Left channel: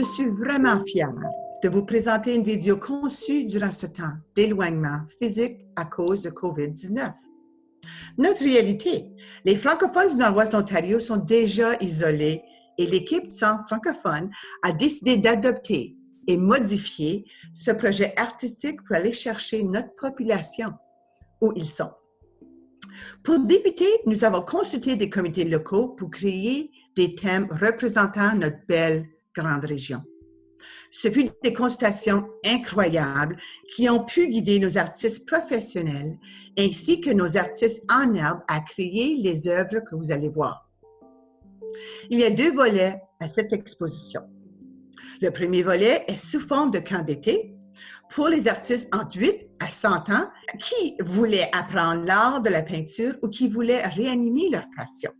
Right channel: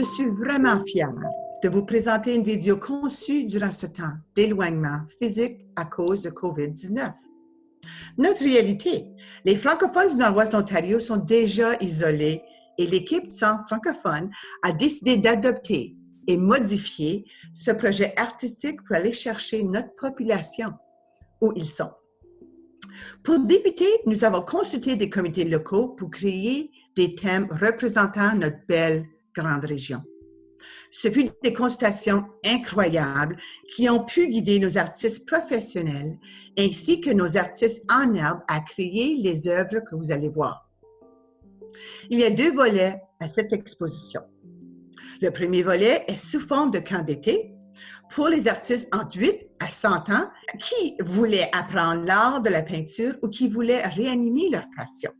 Je suis vraiment fière de vous présenter une vidéo conçue durant ce temps d'éloignement physique à cause de COVID-19. Notre réalité, les francophones du Nord-Ouest de l'Ontario sont déjà isolés et l'équipe du Centre francophone a décidé d'adopter et modifier ce projet artistique pour aller chercher notre population où ils sont. Pour débuter, nous avons consulté des comités locaux pour créer des thèmes représentant notre belle grande région. Ce fut des consultations incroyables qui ont pu guider nos artistes professionnels ainsi que nos artistes en herbe à créer les œuvres que vous allez voir. Il y a 2 volets à cette exposition. Le premier volet est sous forme de camp d'été pour les artistes entre 8 à 100 ans qui voulaient apprendre l'art de la peinture ou qui voulaient réanimer leur passion.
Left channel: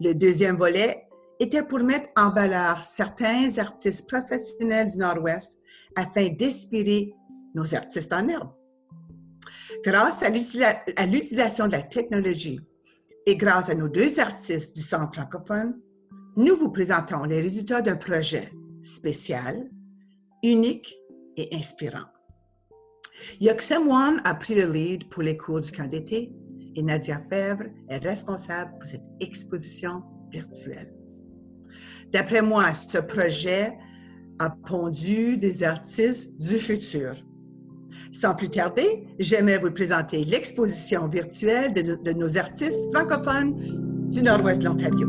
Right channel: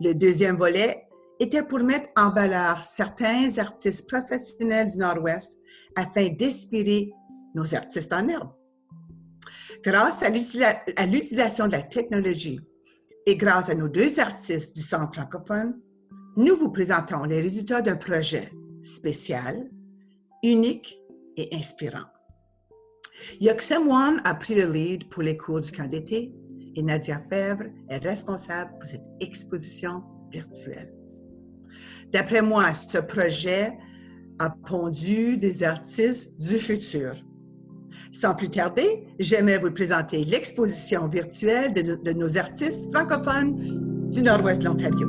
Le deuxième volet était pour mettre en valeur certains artistes professionnels du Nord-Ouest afin d'inspirer nos artistes en herbe. Grâce à l'utilisation de la technologie et grâce à nos 2 artistes du Centre francophone, nous vous présentons les résultats d'un projet spécial, unique et inspirant. Yoksem Wan a pris le lead pour les cours du camp d'été et Nadia Fèvre est responsable pour cette exposition virtuelle. D'après moi, ce projet a pondu des artistes du futur. Sans plus tarder, j'aimerais vous présenter l'exposition virtuelle de nos artistes francophones du Nord-Ouest de l'Ontario.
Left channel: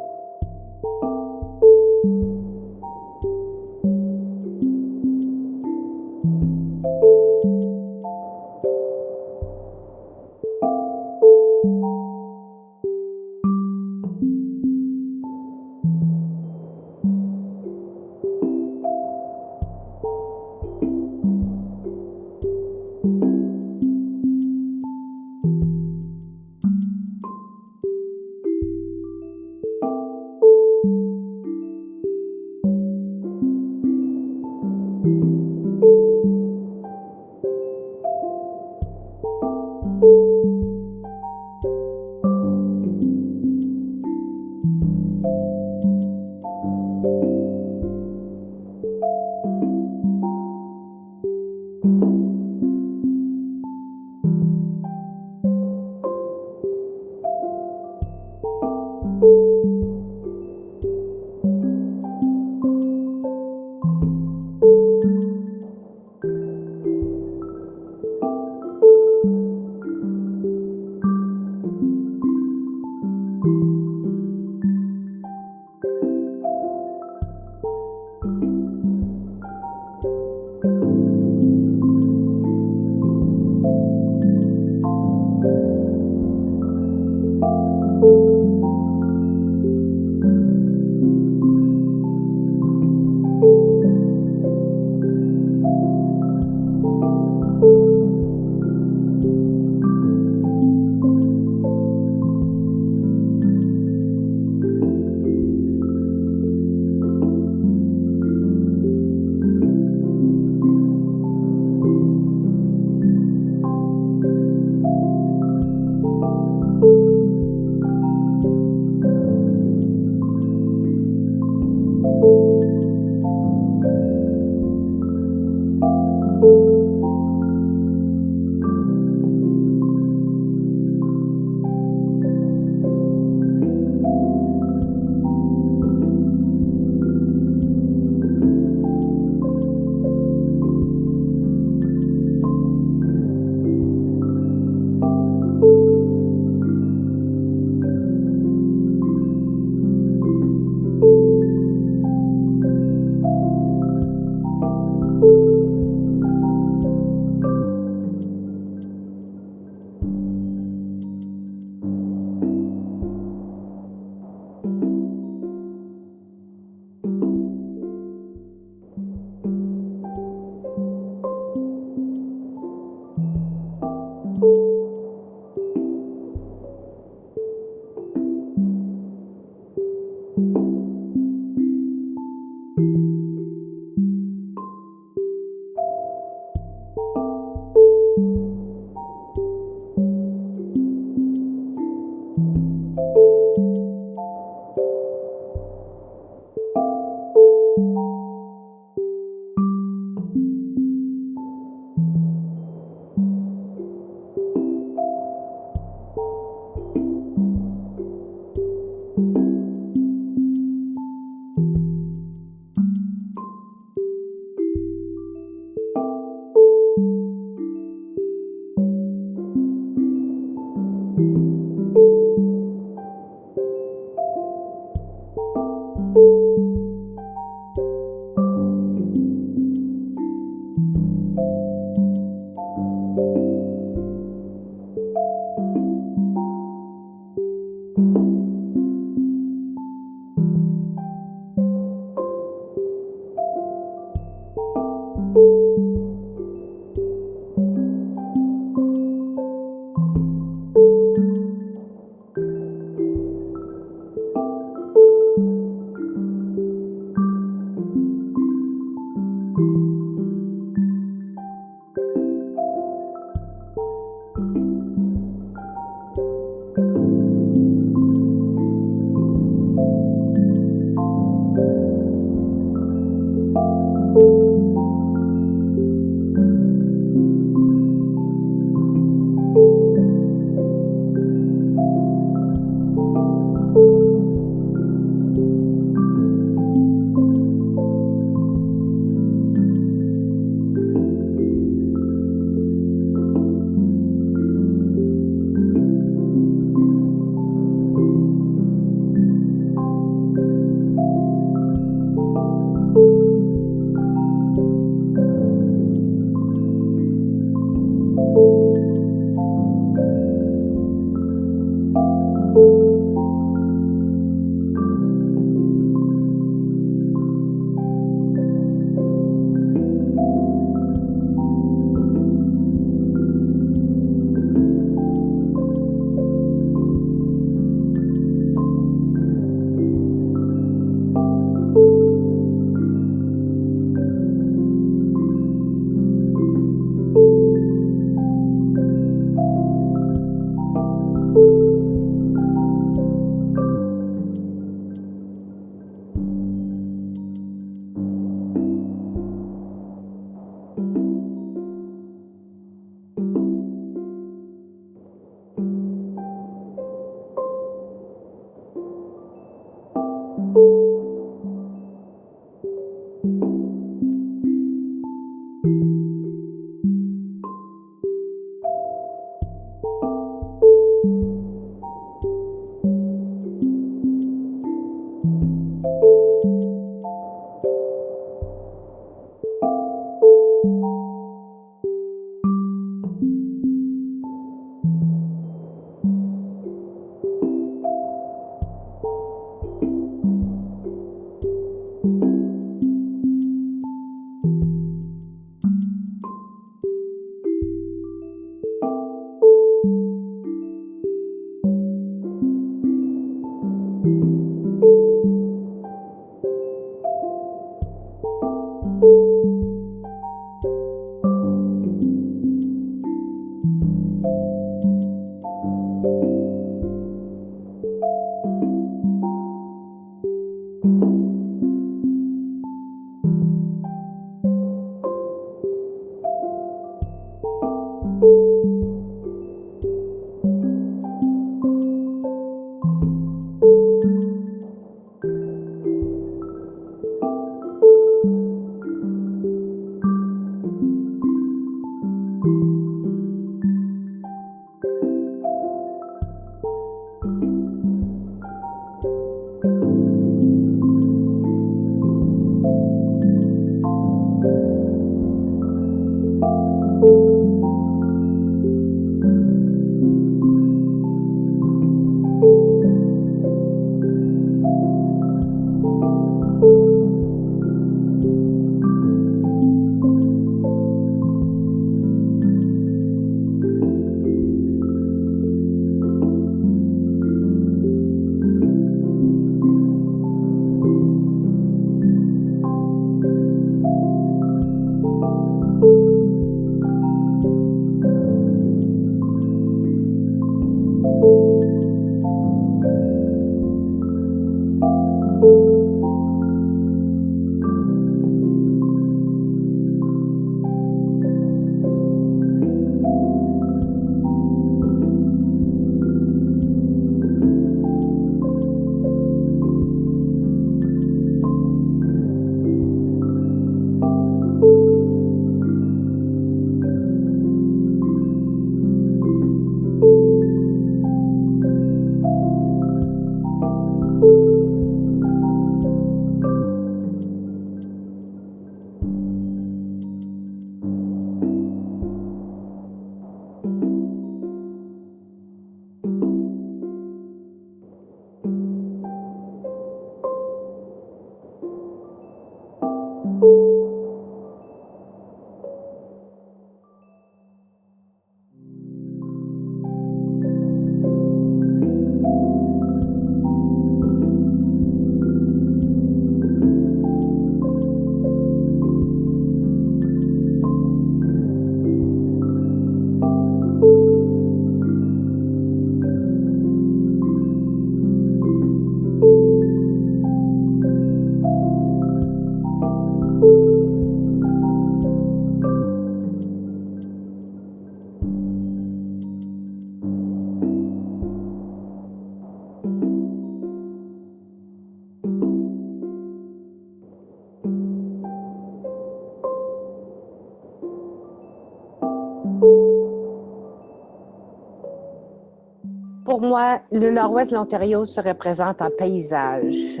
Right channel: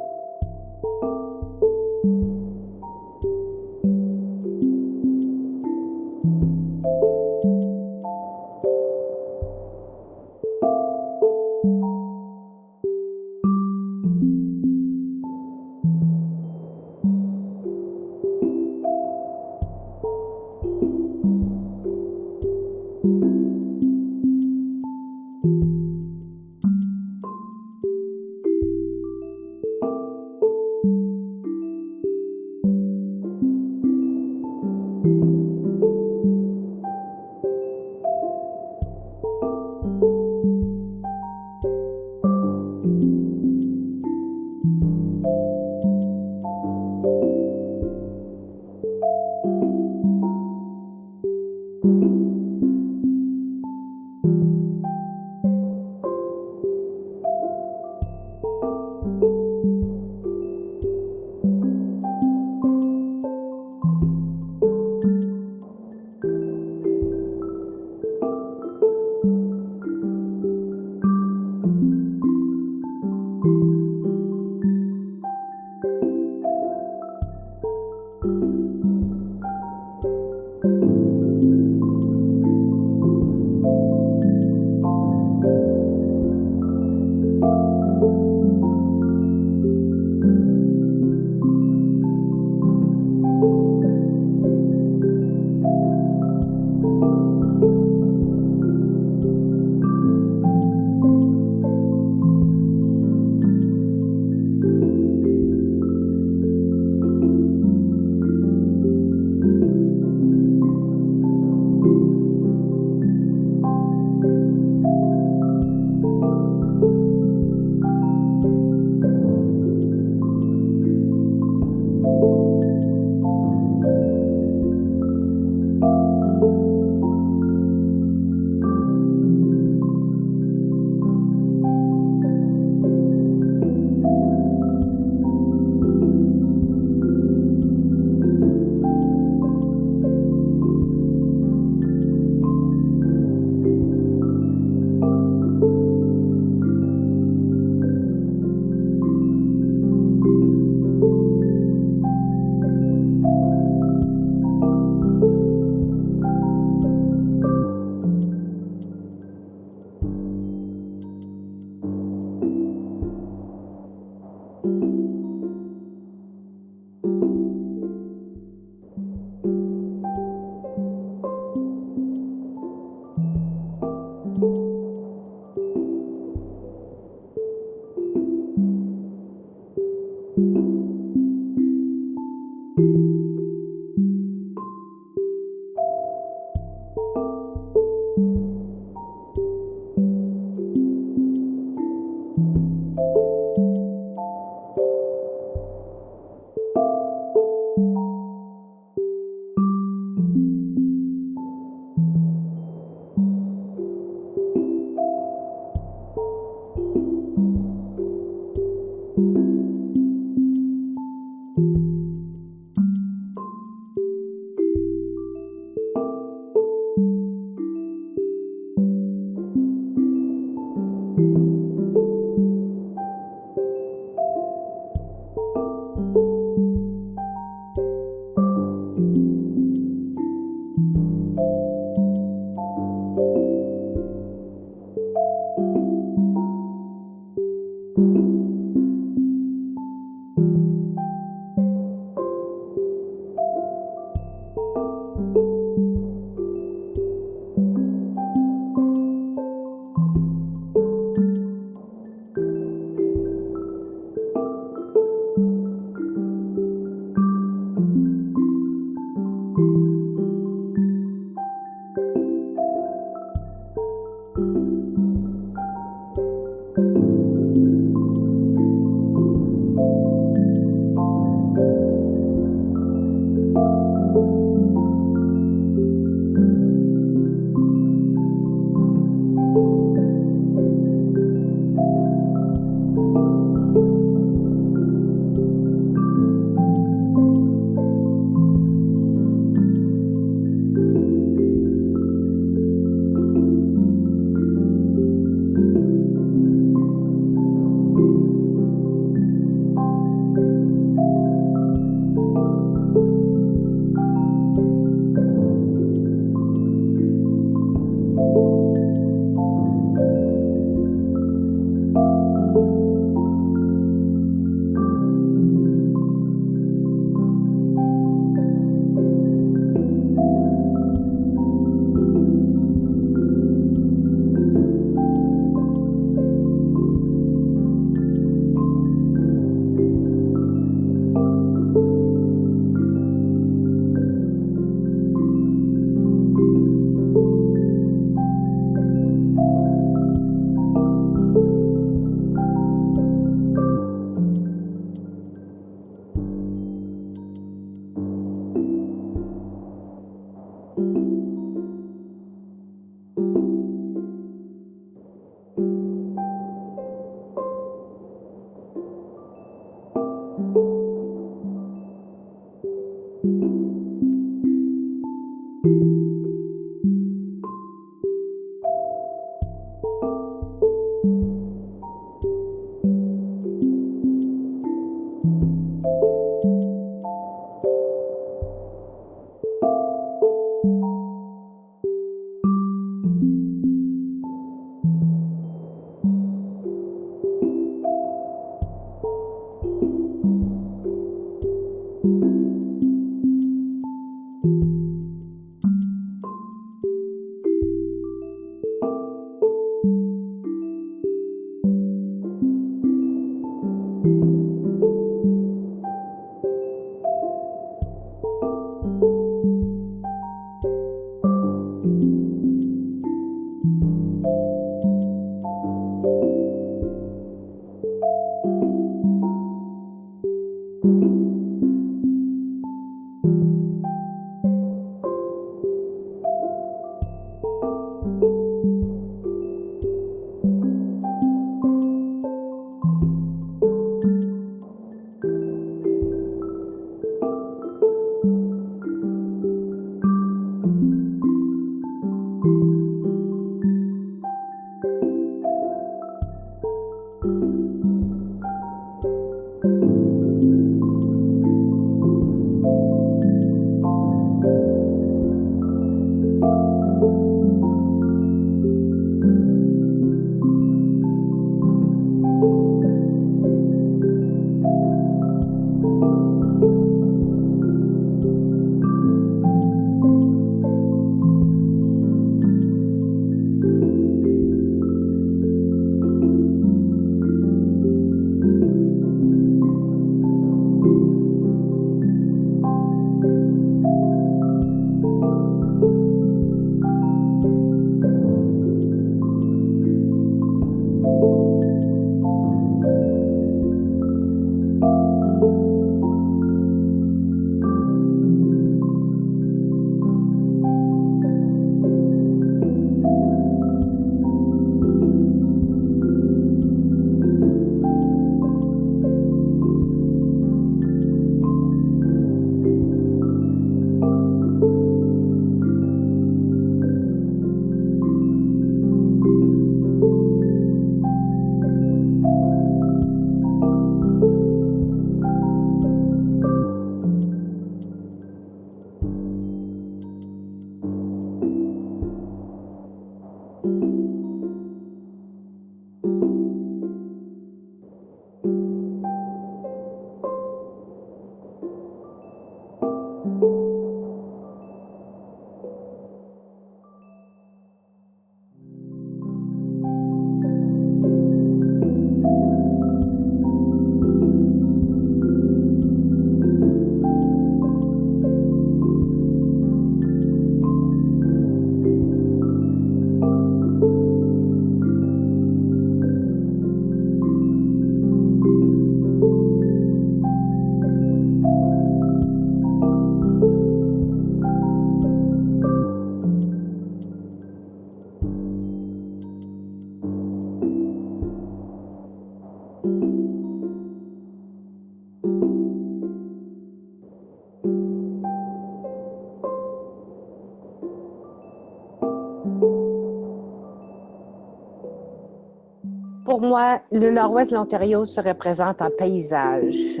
Pour moi, le nord-ouest de l'Ontario se représente en paysage.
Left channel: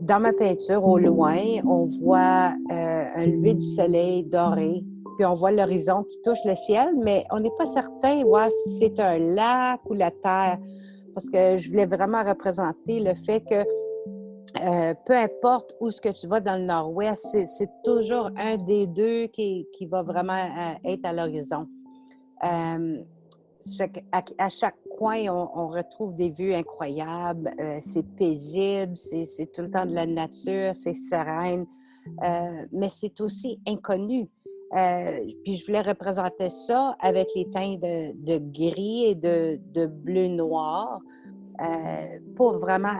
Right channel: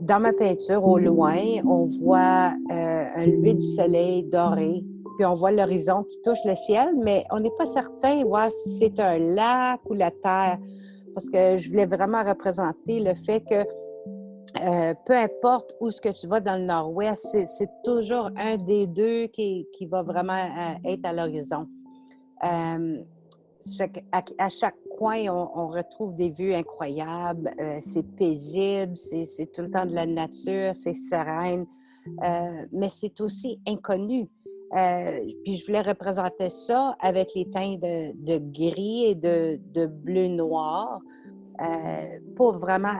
Dans ma peinture, au loin, on voit un lever du soleil doré, puis on voit l'horizon qui touche le ciel, mais on n'est pas certain si c'est un lac ou la terre, parce que je voulais vraiment représenter le fait que peu importe où ce que tu vas dans le nord-ouest, c'est toujours un des deux qui va vraiment être à l'horizon. À chaque coin, on retrouve des vues incroyables. C'est paisible, c'est tout le temps de la nature, c'est sereine, mais c'est aussi inconnu. Puis je voulais représenter ça avec les teints de gris et de bleu-noir pour vraiment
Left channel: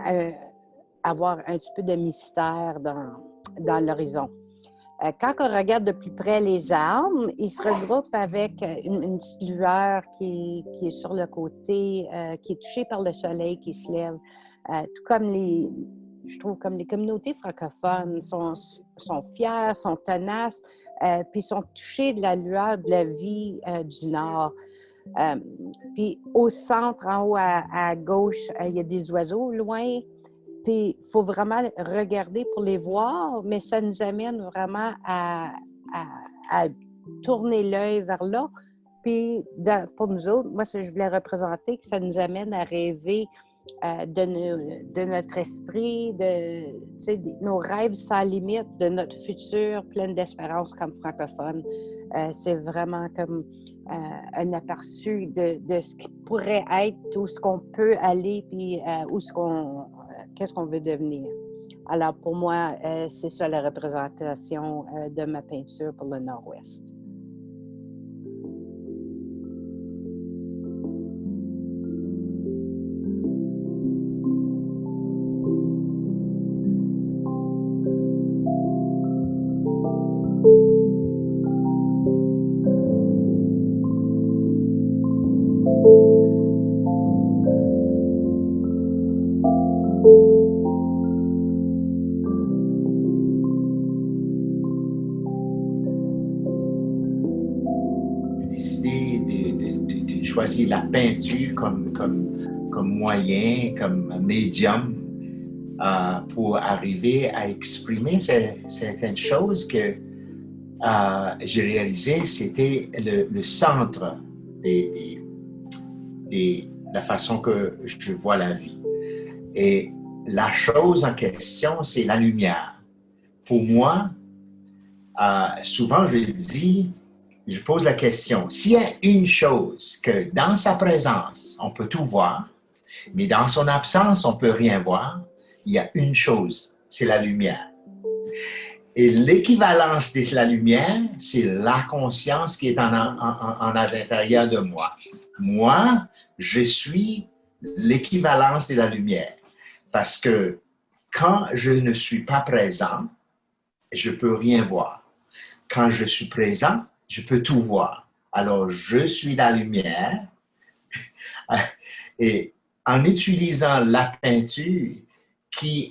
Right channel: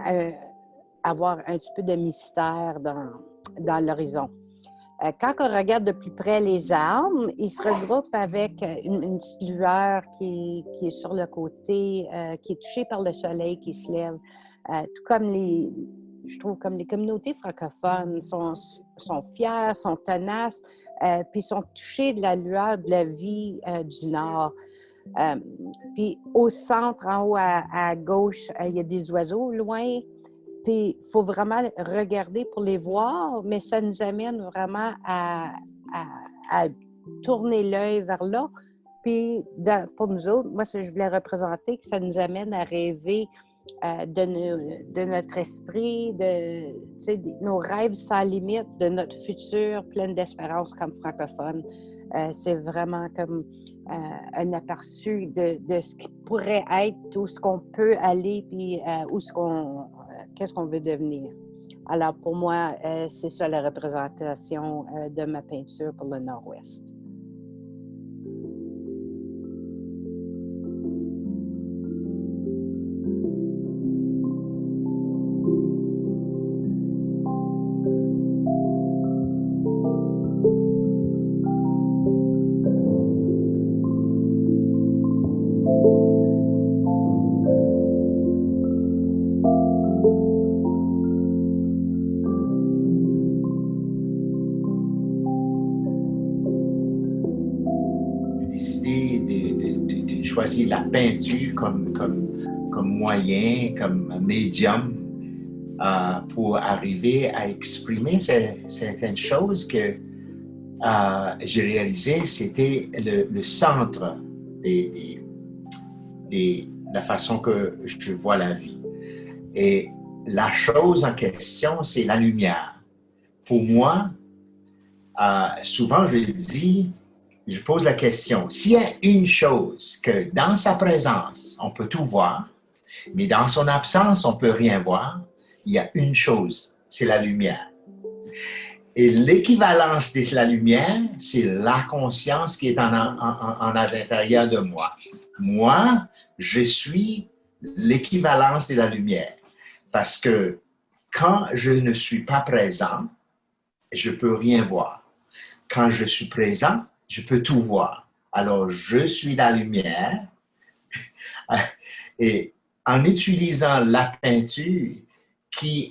avoir un petit peu de mystère dans l'horizon. Quand on regarde de plus près les arbres, ils se regroupent avec une petite lueur qui est sur le côté, qui est touchée par le soleil qui se lève. Tout comme je trouve comme les communautés francophones sont fières, sont tenaces, puis sont touchées de la lueur de la vie du Nord. Puis au centre, en haut à gauche, il y a des oiseaux loin. Puis, il faut vraiment regarder pour les voir, mais ça nous amène vraiment à tourner l'œil vers là. Puis, pour nous autres, moi, je voulais représenter que ça nous amène à rêver de notre esprit, nos rêves sans limite, de notre futur plein d'espérance comme francophone. C'est vraiment comme un aperçu de ce qui pourrait être, où ce qu'on peut aller, puis qu'est-ce qu'on veut devenir. Alors, pour moi, c'est ça la représentation de ma peinture pour le Nord-Ouest. Décidé de choisir la peinture comme moyen, comme médium pour arriver à exprimer certaines choses que j'ai réalisé, c'était le centre de la façon que je vois la vie. Et la chose en question, c'est la lumière. Pour moi, souvent je pose la question, s'il y a une chose que dans sa présence, on peut tout voir, mais dans son absence, on ne peut rien voir, il y a une chose, c'est la lumière. Et l'équivalence de la lumière, c'est la conscience qui est en l'intérieur de moi. Moi, je suis l'équivalence de la lumière. Parce que quand je ne suis pas présent, je ne peux rien voir. Quand je suis présent, je peux tout voir. Alors, je suis la lumière. Et en utilisant la peinture,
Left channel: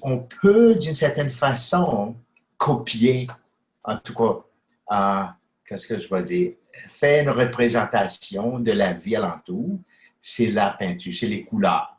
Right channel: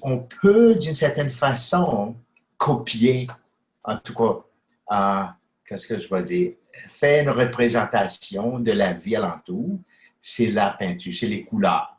on peut, d'une certaine façon, copier, en tout cas, qu'est-ce que je vais dire, faire une représentation de la vie alentour, c'est la peinture, c'est les couleurs.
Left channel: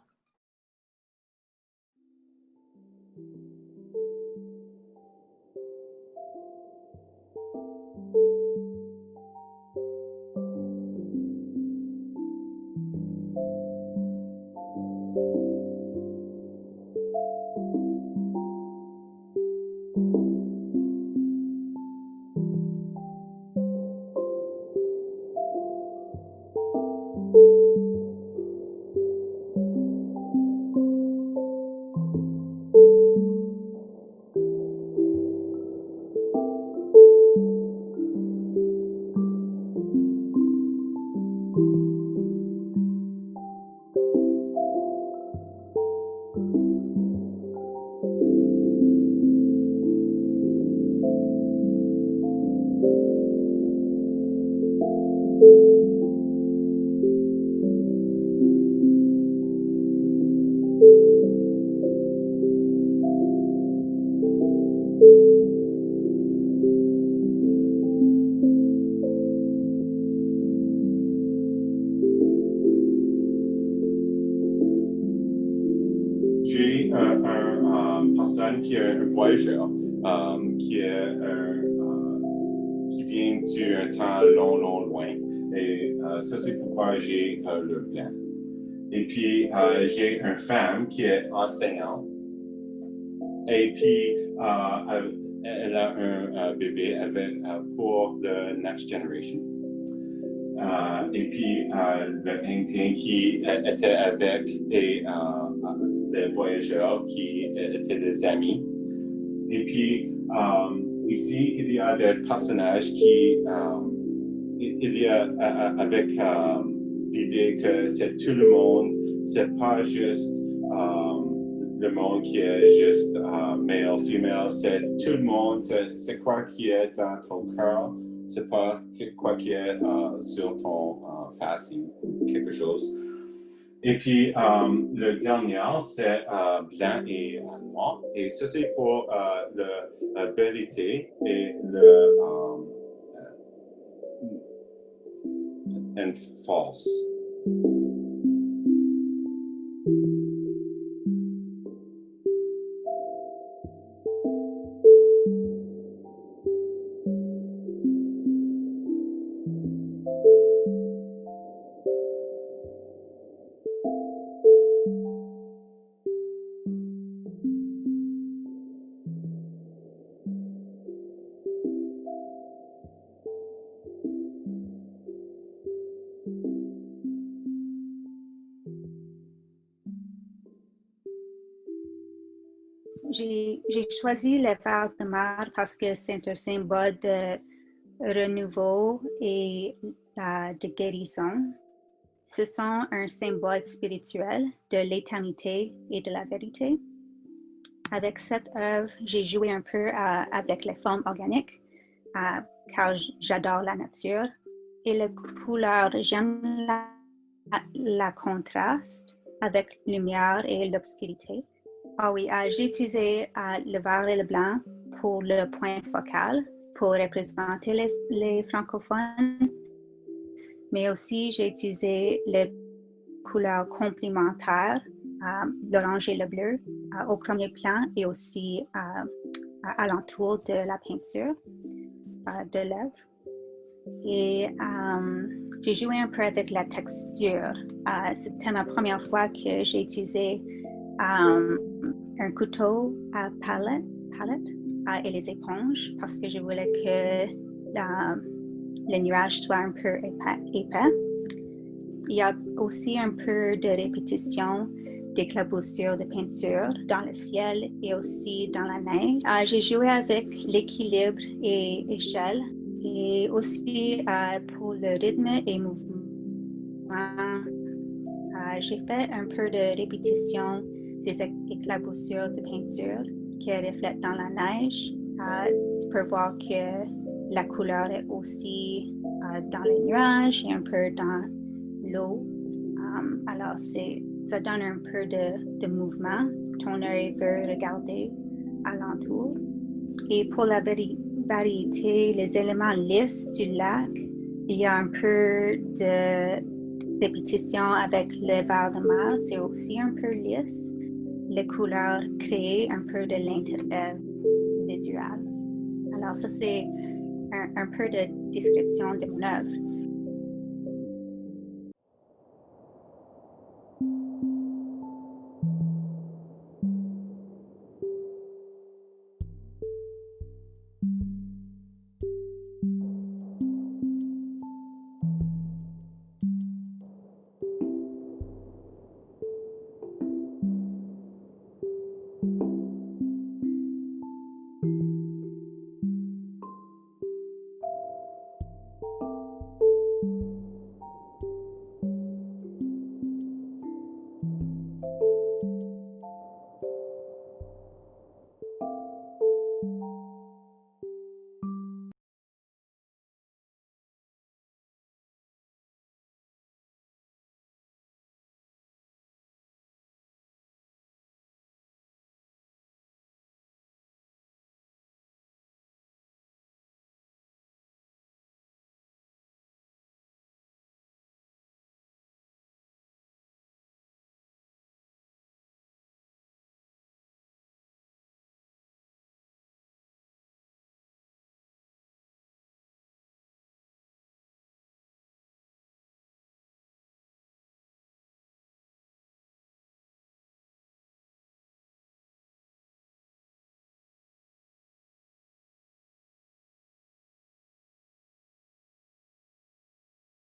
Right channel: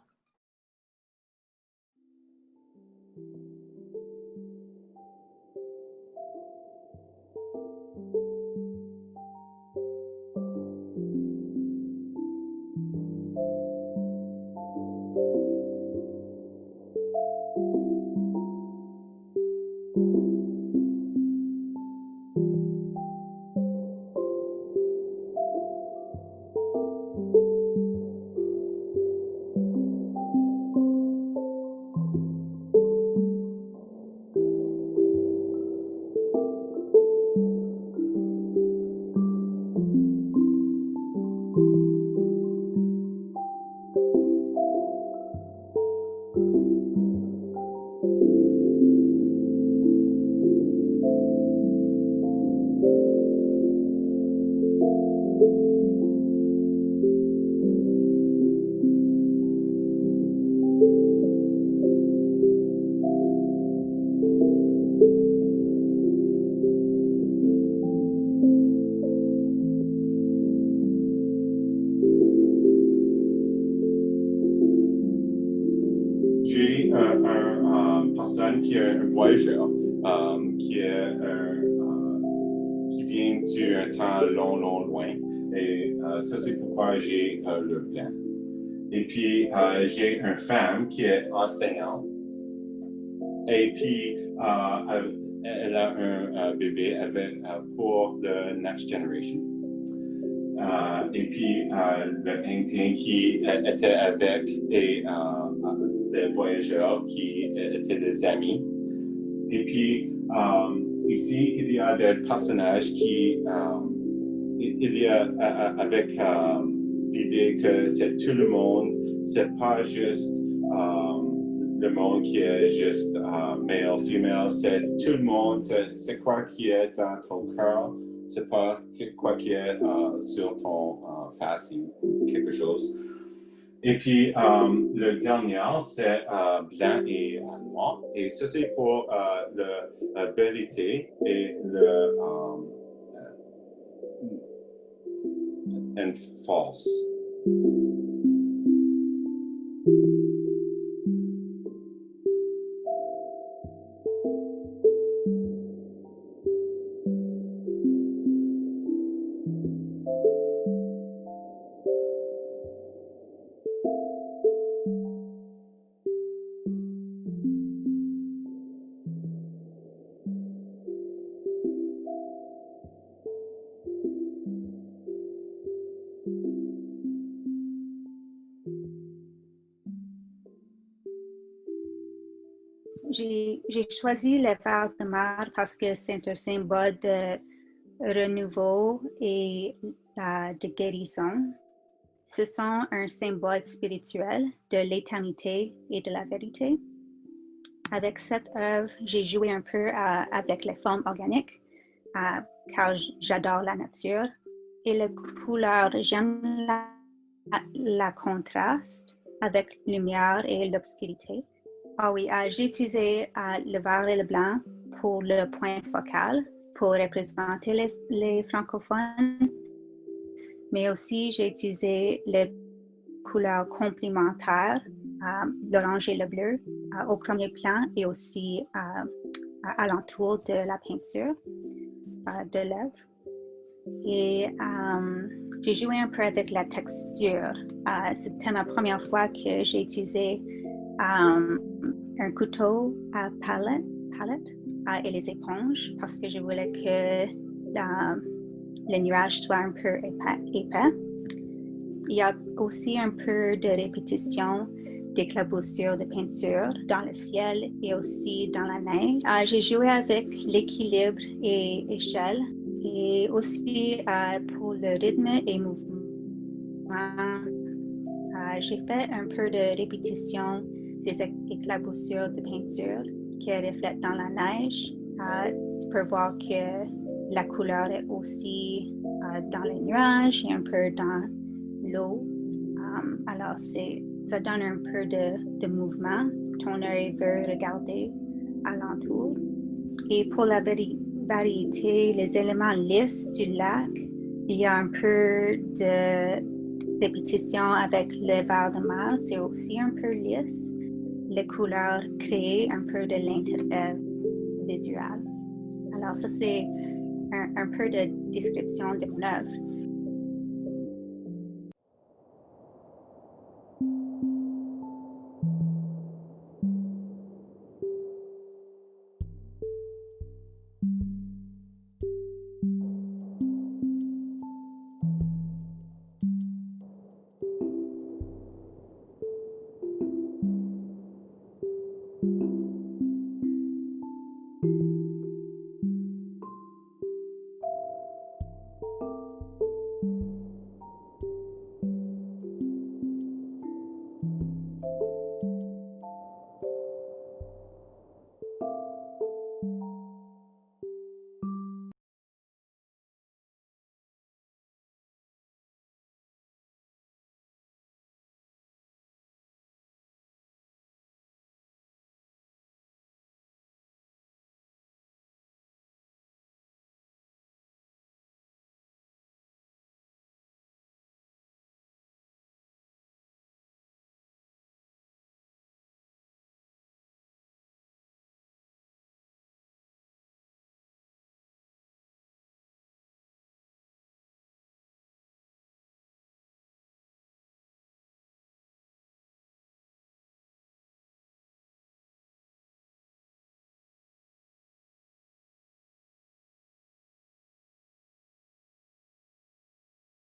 J'ai une personne qui est un voyageur, qui vient d'un temps loin. Et ça, c'est pourquoi j'ai le plan. Et puis, j'ai une femme qui est enseignante. Et puis, elle a un bébé pour le Next Generation. Et puis, l'Indien qui était avec les voyageurs qui étaient des amis. Et puis, ici, il y a des personnages il y a avec l'idée que c'est tout le monde, c'est pas juste le monde qui est juste male, female, c'est tout le monde, c'est quoi qui est dans ton cœur, c'est pas quoi qui est sur ton face ou quelque chose. Et puis, le dernier, c'est blanc et noir. Et ça, c'est pour la vérité et le and false. J'ai choisi le Val de Mar parce que c'est un symbole de renouveau et de guérison. Ce sont un symbole spirituel de l'éternité et de la vérité. Avec cette œuvre, j'ai joué un peu avec les formes organiques, car j'adore la nature. Et les couleurs, j'aime la contraste avec la lumière et l'obscurité. Ah oui, j'ai utilisé le vert et le blanc pour le point focal, pour représenter les francophones, mais aussi j'ai utilisé les couleurs complémentaires, l'orange et le bleu, au premier plan et aussi à l'entour de la peinture de l'œuvre. Et j'ai joué un peu avec la texture. C'était ma première fois que j'ai utilisé un couteau à palette et les éponges parce que je voulais que le nuage soit un peu épais. Il y a aussi un peu de répétition d'éclaboussures de peinture dans le ciel et aussi dans la neige. J'ai joué avec l'équilibre et échelle et aussi pour le rythme et mouvement. J'ai fait un peu de répétition des éclaboussures de peinture qui reflètent dans la neige. Tu peux voir que la couleur est aussi dans les nuages et un peu dans l'eau. Alors, ça donne un peu de mouvement. Ton œil veut regarder alentour. Et pour la variété, les éléments lisses du lac, il y a un peu de répétition avec le vert de mar. C'est aussi un peu lisse. Les couleurs créent un peu de l'intérêt visuel. Alors, ça, c'est un peu de description de mon œuvre.